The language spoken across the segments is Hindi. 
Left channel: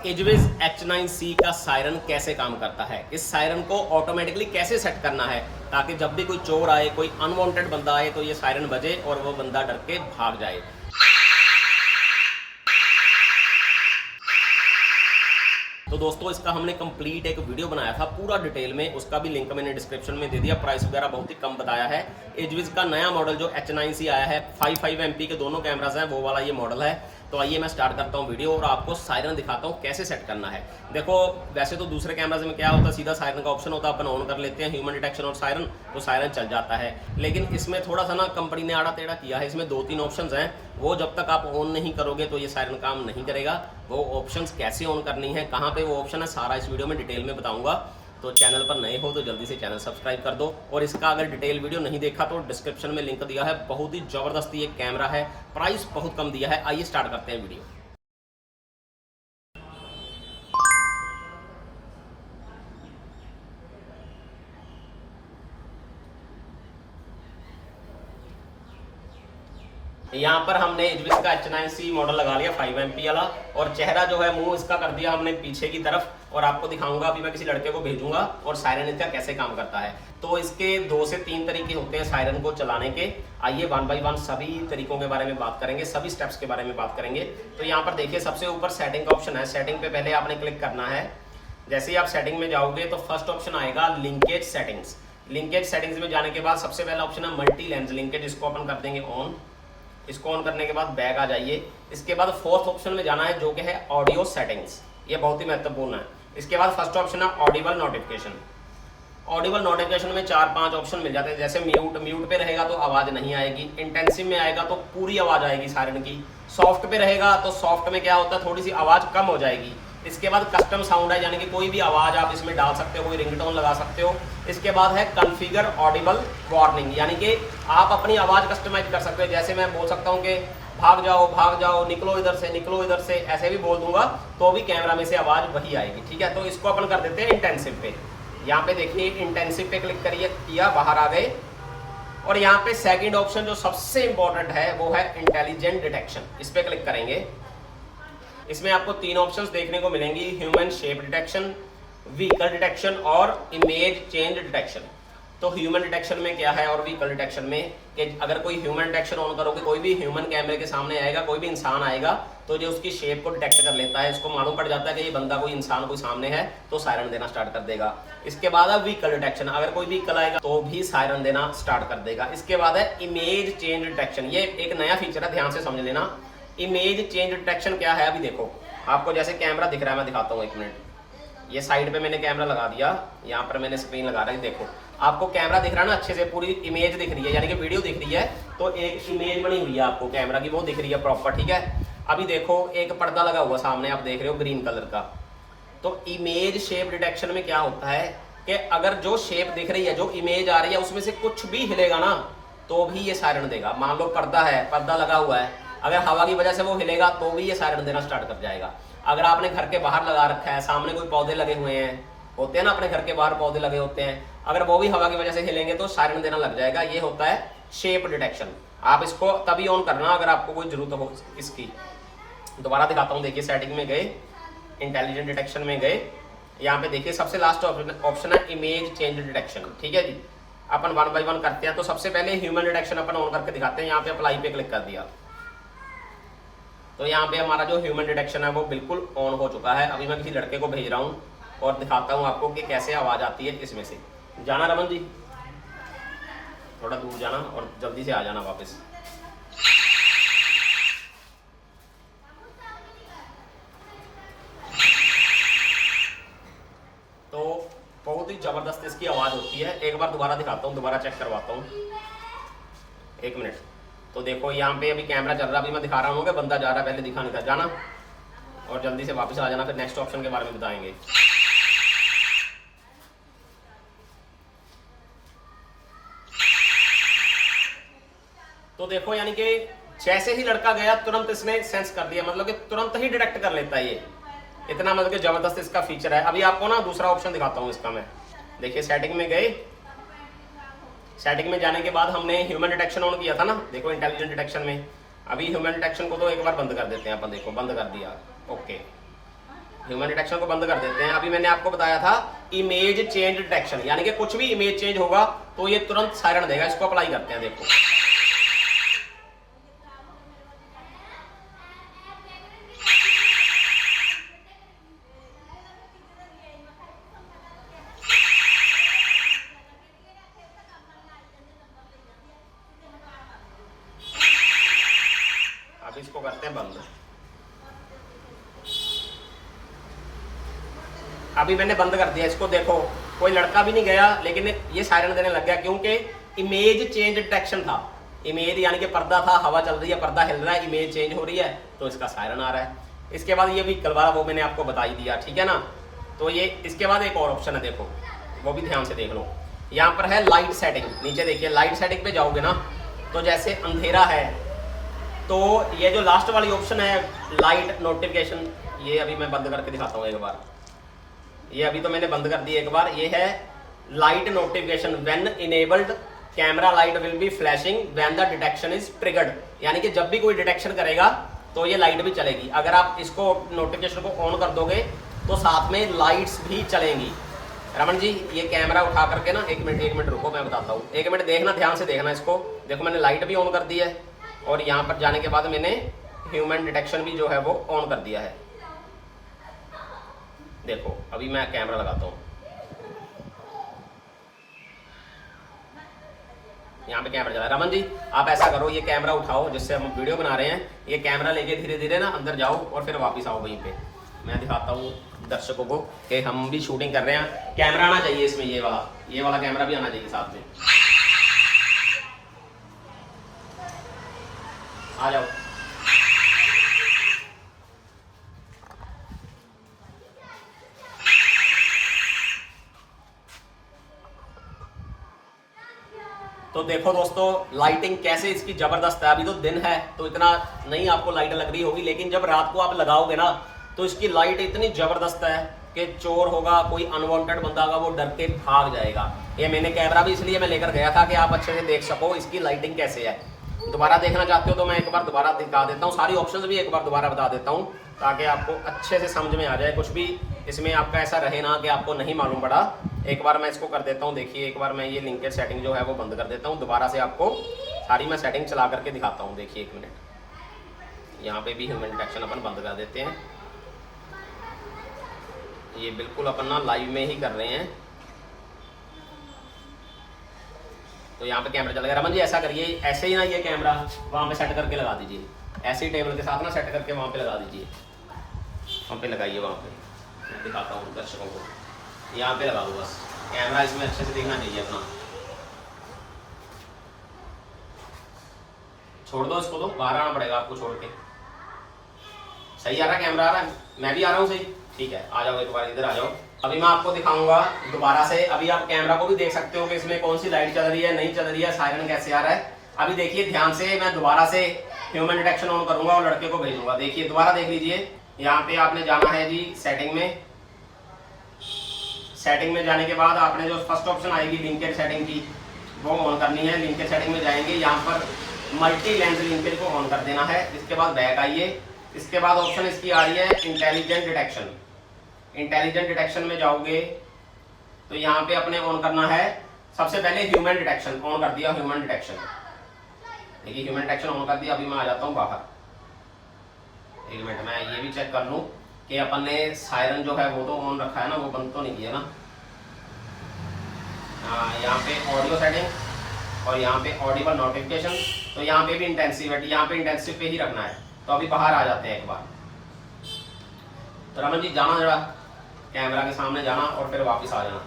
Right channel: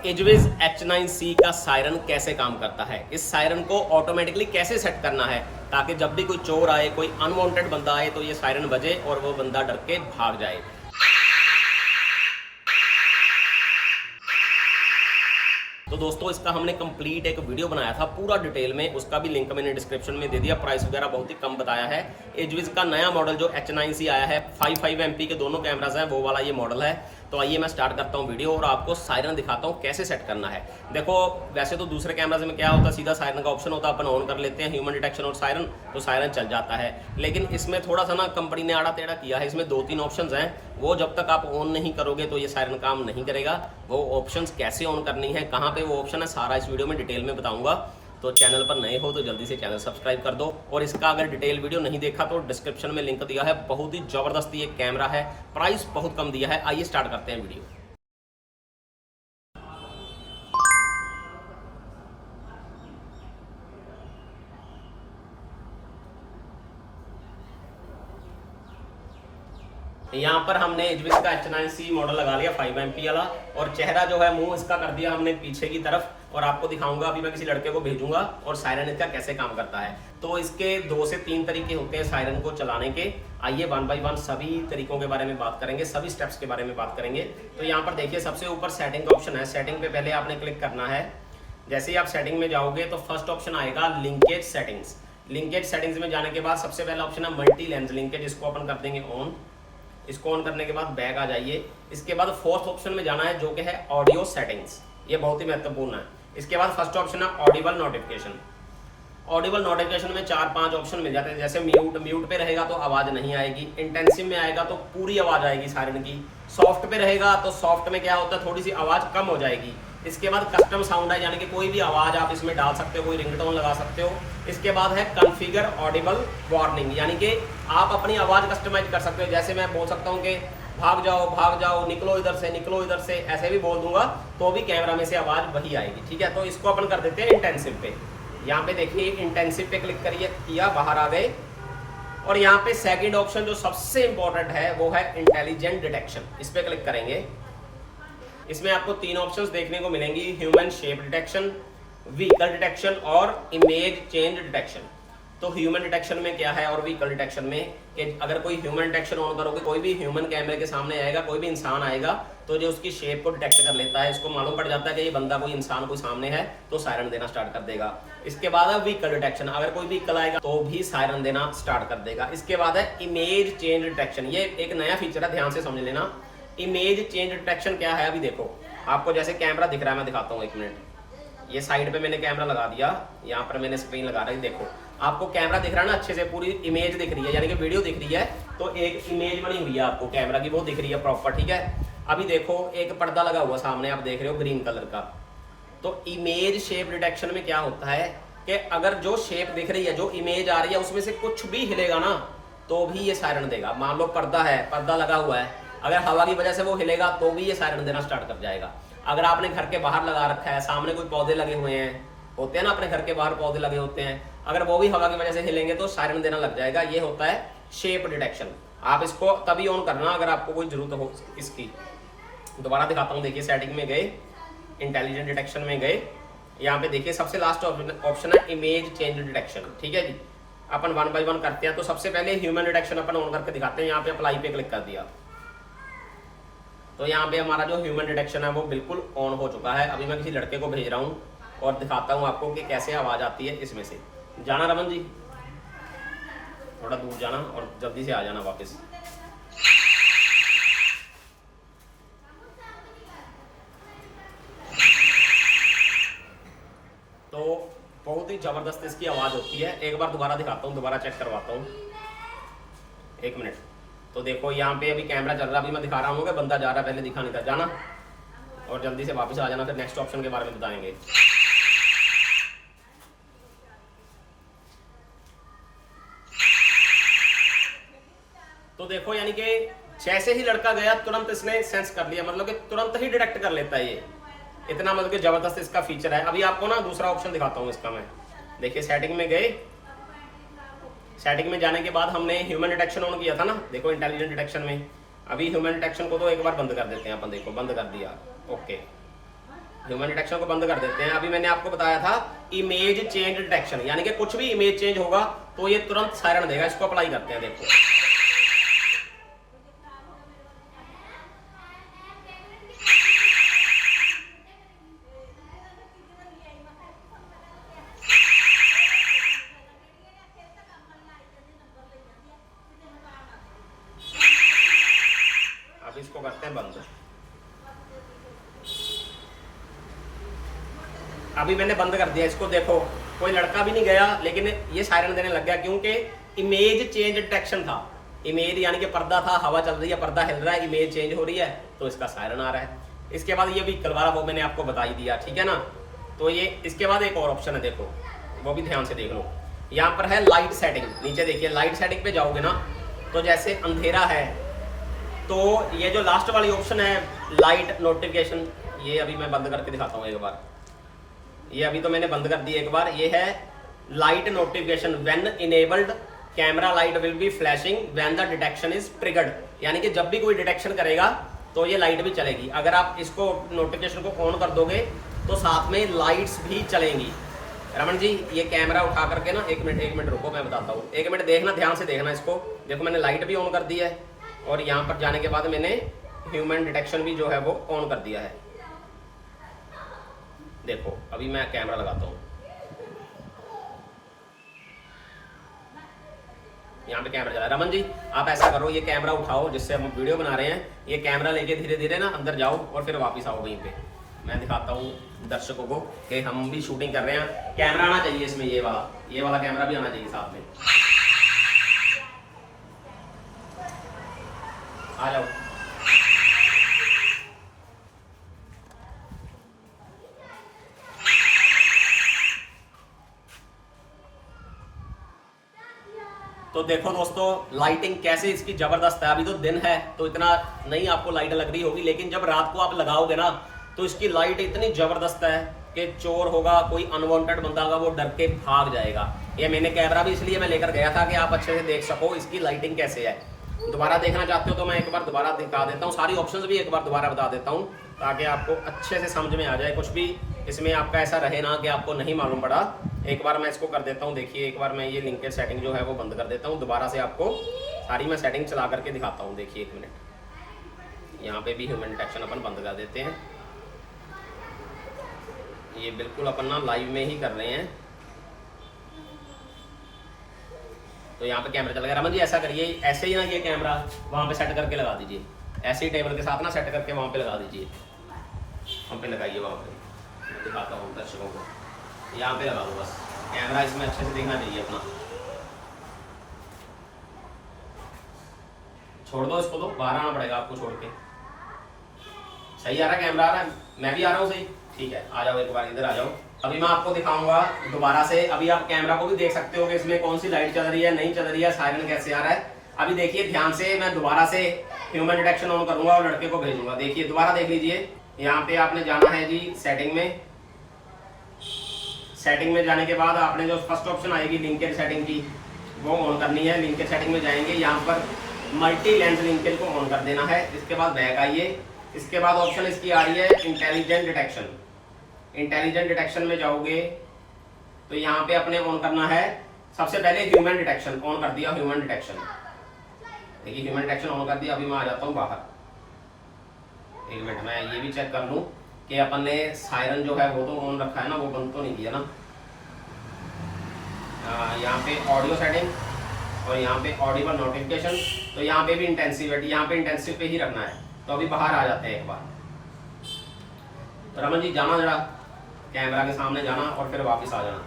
एजविस H9C का सायरन कैसे काम करता है, इस सायरन को ऑटोमेटिकली कैसे सेट करना है ताकि जब भी कोई चोर आए, कोई अनवांटेड बंदा आए तो ये सायरन बजे और वो बंदा डर के भाग जाए। तो दोस्तों इसका हमने कंप्लीट एक वीडियो बनाया था पूरा डिटेल में, उसका भी लिंक मैंने डिस्क्रिप्शन में दे दिया। प्राइस वगैरह बहुत ही कम बताया है। एजविस का नया मॉडल जो H9C आया है, 5 MP के दोनों कैमराज हैं, वो वाला ये मॉडल है। तो आइए मैं स्टार्ट करता हूँ वीडियो और आपको सायरन दिखाता हूँ कैसे सेट करना है। देखो वैसे तो दूसरे कैमराज में क्या होता है, सीधा सायरन का ऑप्शन होता है, अपन ऑन कर लेते हैं ह्यूमन डिटेक्शन और सायरन, तो सायरन चल जाता है। लेकिन इसमें थोड़ा सा ना कंपनी ने आड़ा टेढ़ा किया है। इसमें 2-3 ऑप्शंस हैं, वो जब तक आप ऑन नहीं करोगे तो ये सायरन काम नहीं करेगा। वो ऑप्शंस कैसे ऑन करनी है, कहाँ पे वो ऑप्शन है, सारा इस वीडियो में डिटेल में बताऊंगा। तो चैनल पर नए हो तो जल्दी से चैनल सब्सक्राइब कर दो। और इसका अगर डिटेल वीडियो नहीं देखा तो डिस्क्रिप्शन में लिंक दिया है। बहुत ही जबरदस्त ये कैमरा है, प्राइस बहुत कम दिया है। आइए स्टार्ट करते हैं वीडियो। यहाँ पर हमने एजविस का H9C मॉडल लगा लिया 5 MP वाला, और चेहरा जो है मुंह इसका कर दिया हमने पीछे की तरफ। और आपको दिखाऊंगा, अभी मैं किसी लड़के को भेजूंगा और सायरन इसका कैसे काम करता है। तो इसके 2 से 3 तरीके होते हैं सायरन को चलाने के। आइए 1 बाय 1 सभी तरीकों के बारे में बात करेंगे, सभी स्टेप्स के बारे में बात करेंगे। तो यहाँ पर देखिए सबसे ऊपर सेटिंग का ऑप्शन है। सेटिंग पे पहले आपने क्लिक करना है। जैसे ही आप सेटिंग में जाओगे तो फर्स्ट ऑप्शन आएगा लिंकेज सेटिंग्स। लिंकेज सेटिंग्स में जाने के बाद सबसे पहला ऑप्शन है मल्टी लेंस लिंकेज, इसको अपन कर देंगे ऑन। इसको ऑन करने के बाद बैक आ जाइए। इसके बाद फोर्थ ऑप्शन में जाना है जो कि है ऑडियो सेटिंग्स, ये बहुत ही महत्वपूर्ण है। इसके बाद फर्स्ट ऑप्शन है ऑडिबल नोटिफिकेशन। ऑडिबल नोटिफिकेशन में 4-5 ऑप्शन मिल जाते हैं। जैसे म्यूट पे रहेगा तो आवाज नहीं आएगी, इंटेंसिव में आएगा तो पूरी आवाज आएगी सायरन की, सॉफ्ट पे रहेगा तो सॉफ्ट में क्या होता है, थोड़ी सी आवाज कम हो जाएगी। इसके बाद कस्टम साउंड है, यानी कि कोई भी आवाज आप इसमें डाल सकते हो, कोई रिंगटोन लगा सकते हो। इसके बाद है कॉन्फ़िगर ऑडिबल वार्निंग, यानी कि आप अपनी आवाज कस्टमाइज कर सकते हो। जैसे मैं बोल सकता हूँ कि भाग जाओ, निकलो इधर से, ऐसे भी बोल दूंगा तो भी कैमरा में से आवाज वही आएगी। ठीक है, तो इसको अपन कर देते हैं इंटेंसिव पे। यहाँ पे देखिए इंटेंसिव पे क्लिक करिए, किया, बाहर आ गए। और यहाँ पे सेकंड ऑप्शन जो सबसे इंपॉर्टेंट है वो है इंटेलिजेंट डिटेक्शन, इस पे क्लिक करेंगे। इसमें आपको 3 ऑप्शंस देखने को मिलेंगी, human shape detection, vehicle detection और इमेज चेंज डिटेक्शन। तो ह्यूमन डिटेक्शन में क्या है और व्हीकल डिटेक्शन में कि अगर कोई ह्यूमन डिटेक्शन ऑन करोगे, कोई भी ह्यूमन कैमरे के सामने आएगा, कोई भी इंसान आएगा तो जो उसकी शेप को डिटेक्ट कर लेता है, इसको मालूम पड़ जाता है कि ये बंदा कोई इंसान कोई सामने है, तो सायरन देना स्टार्ट कर देगा। इसके बाद है व्हीकल डिटेक्शन, अगर कोई व्हीकल आएगा तो भी सायरन देना स्टार्ट कर देगा। इसके बाद है इमेज चेंज डिटेक्शन, ये एक नया फीचर है, ध्यान से समझ लेना। इमेज चेंज डिटेक्शन क्या है, अभी देखो आपको जैसे कैमरा दिख रहा है, मैं दिखाता हूँ 1 मिनट। ये साइड पे मैंने कैमरा लगा दिया, यहाँ पर मैंने स्क्रीन लगा रही, देखो आपको कैमरा दिख रहा है ना, अच्छे से पूरी इमेज दिख रही है, यानी कि वीडियो दिख रही है। तो एक इमेज बनी हुई है आपको कैमरा की, वो दिख रही है प्रॉपर। ठीक है, अभी देखो एक पर्दा लगा हुआ सामने, आप देख रहे हो ग्रीन कलर का। तो इमेज शेप डिटेक्शन में क्या होता है कि अगर जो शेप दिख रही है, जो इमेज आ रही है, उसमें से कुछ भी हिलेगा ना तो भी ये सायरन देगा। मान लो पर्दा है, पर्दा लगा हुआ है, अगर हवा की वजह से वो हिलेगा तो भी ये सायरन देना स्टार्ट कर जाएगा। अगर आपने घर के बाहर लगा रखा है, सामने कोई पौधे लगे हुए हैं, होते हैं ना अपने घर के बाहर पौधे लगे होते हैं, अगर वो भी हवा की वजह से हिलेंगे तो सायरन देना लग जाएगा। ये होता है शेप डिटेक्शन। आप इसको तभी ऑन करना अगर आपको कोई जरूरत हो इसकी। दोबारा दिखाता हूँ, देखिए सेटिंग में गए, इंटेलिजेंट डिटेक्शन में गए, यहाँ पे देखिए सबसे लास्ट ऑप्शन है इमेज चेंज डिटेक्शन। ठीक है जी, अपन 1 बाय 1 करते हैं। तो सबसे पहले ह्यूमन डिटेक्शन अपन ऑन करके दिखाते हैं। यहाँ पे अप्लाई पे क्लिक कर दिया तो यहाँ पे हमारा जो ह्यूमन डिटेक्शन है वो बिल्कुल ऑन हो चुका है। अभी मैं किसी लड़के को भेज रहा हूँ और दिखाता हूँ आपको कि कैसे आवाज आती है इसमें से। जाना रमन जी, थोड़ा दूर जाना और जल्दी से आ जाना वापस। तो बहुत ही जबरदस्त इसकी आवाज होती है। एक बार दोबारा दिखाता हूँ, दोबारा चेक करवाता हूँ, 1 मिनट। तो देखो यहाँ पे अभी कैमरा चल रहा है, अभी मैं दिखा रहा हूँ कि बंदा जा रहा है, पहले दिखा नहीं था। जाना और जल्दी से वापस आ जाना, फिर नेक्स्ट ऑप्शन के बारे में बताएंगे। तो देखो यानी कि जैसे ही लड़का गया तुरंत इसने सेंस कर लिया, मतलब कि तुरंत ही डिटेक्ट कर लेता है ये। इतना मतलब कि जबरदस्त इसका फीचर है। अभी आपको ना दूसरा ऑप्शन दिखाता हूँ इसका मैं। देखिए सेटिंग में गए, सेटिंग में जाने के बाद हमने ह्यूमन डिटेक्शन ऑन किया था ना, देखो इंटेलिजेंट डिटेक्शन में। अभी ह्यूमन डिटेक्शन को तो एक बार बंद कर देते हैं अपन, देखो बंद कर दिया, ओके। ह्यूमन डिटेक्शन को बंद कर देते हैं। अभी मैंने आपको बताया था इमेज चेंज डिटेक्शन, यानी कि कुछ भी इमेज चेंज होगा तो ये तुरंत सायरन देगा। इसको अप्लाई करते हैं, देखो। अब इसको करते हैं बंद। अभी मैंने बंद कर दिया इसको, देखो कोई लड़का भी नहीं गया लेकिन ये सायरन देने लग गया, क्योंकि इमेज चेंज डिटेक्शन था। इमेज यानी कि पर्दा था, हवा चल रही है, पर्दा हिल रहा है, इमेज चेंज हो रही है तो इसका सायरन आ रहा है। इसके बाद ये व्हीकल वाला वो मैंने आपको बता ही दिया, ठीक है ना। तो ये इसके बाद एक और ऑप्शन है, देखो वो भी ध्यान से देख लो। यहाँ पर है लाइट सेटिंग, नीचे देखिए लाइट सेटिंग पे जाओगे ना तो जैसे अंधेरा है तो ये जो लास्ट वाली ऑप्शन है लाइट नोटिफिकेशन, ये अभी मैं बंद करके दिखाता हूँ एक बार। ये अभी तो मैंने बंद कर दी एक बार। ये है light notification, when enabled camera light will be flashing when the detection is triggered, यानी कि जब भी कोई डिटेक्शन करेगा तो ये लाइट भी चलेगी। अगर आप इसको नोटिफिकेशन को ऑन कर दोगे तो साथ में लाइट्स भी चलेंगी। रमन जी ये कैमरा उठा करके ना, एक मिनट रुको, मैं बताता हूँ। एक मिनट देखना, ध्यान से देखना इसको। देखो मैंने लाइट भी ऑन कर दी है और यहाँ पर जाने के बाद मैंने ह्यूमन डिटेक्शन भी जो है वो ऑन कर दिया है। देखो अभी मैं कैमरा लगाता हूँ, यहाँ पे कैमरा चला है। रमन जी आप ऐसा करो, ये कैमरा उठाओ जिससे हम वीडियो बना रहे हैं, ये कैमरा लेके धीरे धीरे ना अंदर जाओ और फिर वापस आओ वहीं पे। मैं दिखाता हूँ दर्शकों को कि हम भी शूटिंग कर रहे हैं। कैमरा आना चाहिए इसमें, ये वाला कैमरा भी आना चाहिए साथ में। आ जाओ। तो देखो दोस्तों लाइटिंग कैसे इसकी जबरदस्त है। अभी तो दिन है तो इतना नहीं आपको लाइट लग रही होगी, लेकिन जब रात को आप लगाओगे ना तो इसकी लाइट इतनी जबरदस्त है कि चोर होगा, कोई अनवांटेड बंदा होगा, वो डर के भाग जाएगा। ये मैंने कैमरा भी इसलिए मैं लेकर गया था कि आप अच्छे से देख सको इसकी लाइटिंग कैसे है। दोबारा देखना चाहते हो तो मैं एक बार दोबारा दिखा देता हूँ, सारी ऑप्शंस भी एक बार दोबारा बता देता हूँ ताकि आपको अच्छे से समझ में आ जाए। कुछ भी इसमें आपका ऐसा रहे ना कि आपको नहीं मालूम पड़ा। एक बार मैं इसको कर देता हूँ, देखिए एक बार मैं ये लिंकेज सेटिंग जो है वो बंद कर देता हूँ, दोबारा से आपको सारी मैं सेटिंग चला करके दिखाता हूँ। देखिए एक मिनट, यहाँ पे भी ह्यूमन डिटेक्शन अपन बंद कर देते हैं। ये बिल्कुल अपन ना लाइव में ही कर रहे हैं। तो यहाँ पे कैमरा चल गया। रमन जी ऐसा करिए, ऐसे ही ना ये कैमरा वहाँ पे सेट करके लगा दीजिए, ऐसे ही टेबल के साथ ना सेट करके वहाँ पे लगा दीजिए। वहाँ पे लगाइए, वहाँ पे मैं दिखाता हूँ दर्शकों को। यहाँ पे लगा दो बस, कैमरा इसमें अच्छे से दिखना चाहिए अपना। छोड़ दो इसको, तो बाहर आना पड़ेगा आपको छोड़ के। सही आ रहा है कैमरा, आ रहा है, मैं भी आ रहा हूँ सही, ठीक है। आ जाओ एक बार इधर आ जाओ। अभी मैं आपको दिखाऊंगा दोबारा से। अभी आप कैमरा को भी देख सकते हो कि इसमें कौन सी लाइट चल रही है, नहीं चल रही है, सायरन कैसे आ रहा है। अभी देखिए ध्यान से, मैं दोबारा से ह्यूमन डिटेक्शन ऑन करूंगा और लड़के को भेजूंगा। देखिए दोबारा देख लीजिए, यहाँ पे आपने जाना है जी सेटिंग में। सेटिंग में जाने के बाद आपने जो फर्स्ट ऑप्शन आएगी लिंकेज सेटिंग की, वो ऑन करनी है। लिंकेज सेटिंग में जाएंगे, यहाँ पर मल्टी लेंस लिंकेज को ऑन कर देना है। इसके बाद बैक आइए। इसके बाद ऑप्शन इसकी आ रही है इंटेलिजेंट डिटेक्शन। इंटेलिजेंट डिटेक्शन में जाओगे तो यहाँ पे अपने ऑन करना है सबसे पहले ह्यूमन डिटेक्शन। ऑन कर दिया ह्यूमन डिटेक्शन, देखिए ह्यूमन डिटेक्शन ऑन कर दिया। अभी मैं आ जाता हूँ बाहर, एक मिनट मैं ये भी चेक कर लूँ कि अपन ने सायरन जो है वो तो ऑन रखा है ना, वो बंद तो नहीं किया ना। यहाँ पे ऑडियो सेटिंग और यहाँ पे ऑडिबल नोटिफिकेशन, तो यहाँ पे भी इंटेंसिविटी, यहाँ पे इंटेंसिव पे ही रखना है। तो अभी बाहर आ जाते हैं एक बार। तो रमन जी जाना जरा कैमरा के सामने जाना और फिर वापस आ जाना।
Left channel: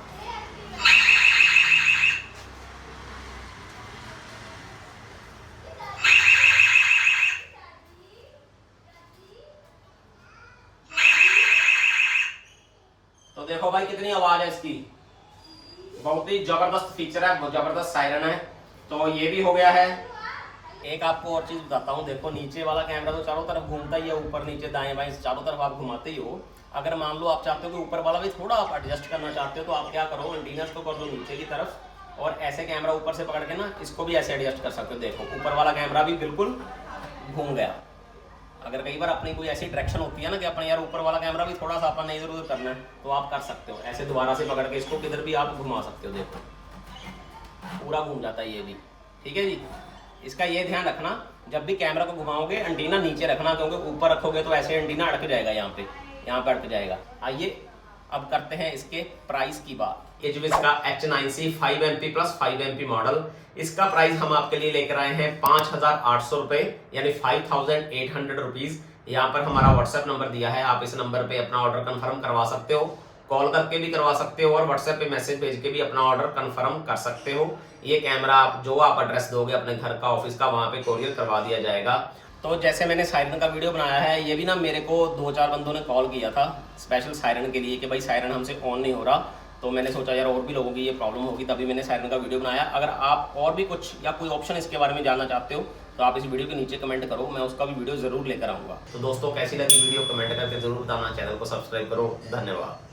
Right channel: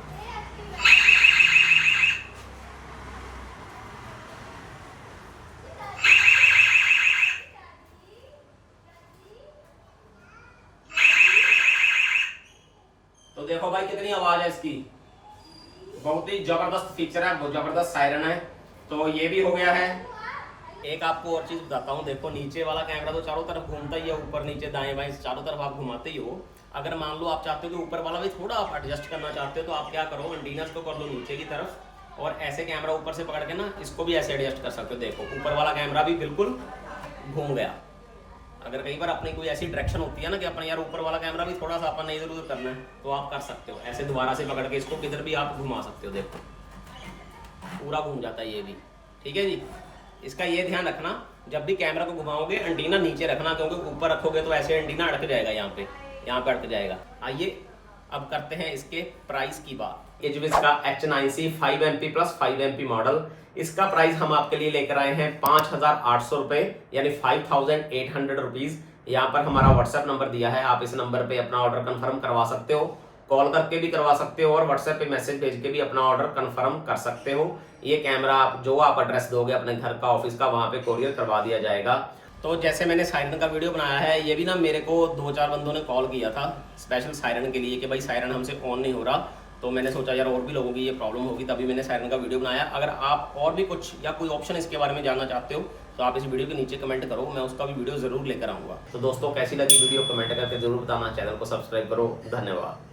तो देखो भाई कितनी आवाज है इसकी, बहुत ही जबरदस्त फीचर है, बहुत जबरदस्त सायरन है। तो ये भी हो गया है। एक आपको और चीज बताता हूँ, देखो नीचे वाला कैमरा तो चारों तरफ घूमता ही है, ऊपर नीचे दाएं बाएं चारों तरफ आप घुमाते ही हो। अगर मान लो आप चाहते हो कि ऊपर वाला भी थोड़ा आप एडजस्ट करना चाहते हो तो आप क्या करो, एंटीनास को कर दो नीचे की तरफ और ऐसे कैमरा ऊपर से पकड़ के ना इसको भी ऐसे एडजस्ट कर सकते हो। देखो ऊपर वाला कैमरा भी बिल्कुल घूम गया, अगर कई बार अपनी कोई ऐसी डायरेक्शन होती है ना कि अपन यार ऊपर वाला कैमरा भी थोड़ा सा अपन ने इधर उधर करना है, तो आप कर सकते हो ऐसे दोबारा से पकड़ के इसको किधर भी आप घुमा सकते हो। देखो पूरा घूम जाता है ये भी, ठीक है जी। इसका ये ध्यान रखना, जब भी कैमरा को घुमाओगे एंटीना नीचे रखना, क्योंकि ऊपर रखोगे तो ऐसे एंटीना अटक जाएगा, यहाँ पे अटक जाएगा। आइए अब करते हैं इसके प्राइस की बात। एजविस का H9C 5MP plus 5MP model, इसका प्राइस हम आपके लिए लेकर आए हैं 5,800 रुपए, यानी 5,800 रुपीज। यहाँ पर हमारा व्हाट्सएप नंबर दिया है, आप इस नंबर पे अपना ऑर्डर कंफर्म करवा सकते हो, कॉल करके भी करवा सकते हो और व्हाट्सएप पे मैसेज भेज के भी अपना ऑर्डर कंफर्म कर सकते हो। ये कैमरा आप जो आप एड्रेस दोगे अपने घर का, ऑफिस का, वहाँ पे कोरियर करवा दिया जाएगा। तो जैसे मैंने सायरन का वीडियो बनाया है, ये भी ना मेरे को 2-4 बंदों ने कॉल किया था स्पेशल सायरन के लिए कि भाई सायरन हमसे ऑन नहीं हो रहा, तो मैंने सोचा यार और भी लोगों की ये प्रॉब्लम होगी, तभी मैंने सायरन का वीडियो बनाया। अगर आप और भी कुछ या कोई ऑप्शन इसके बारे में जानना चाहते हो तो आप इस वीडियो के नीचे कमेंट करो, मैं उसका भी वीडियो जरूर लेकर आऊँगा। तो दोस्तों कैसी लगी वीडियो कमेंट करके जरूर बताना, चैनल को सब्सक्राइब करो। धन्यवाद।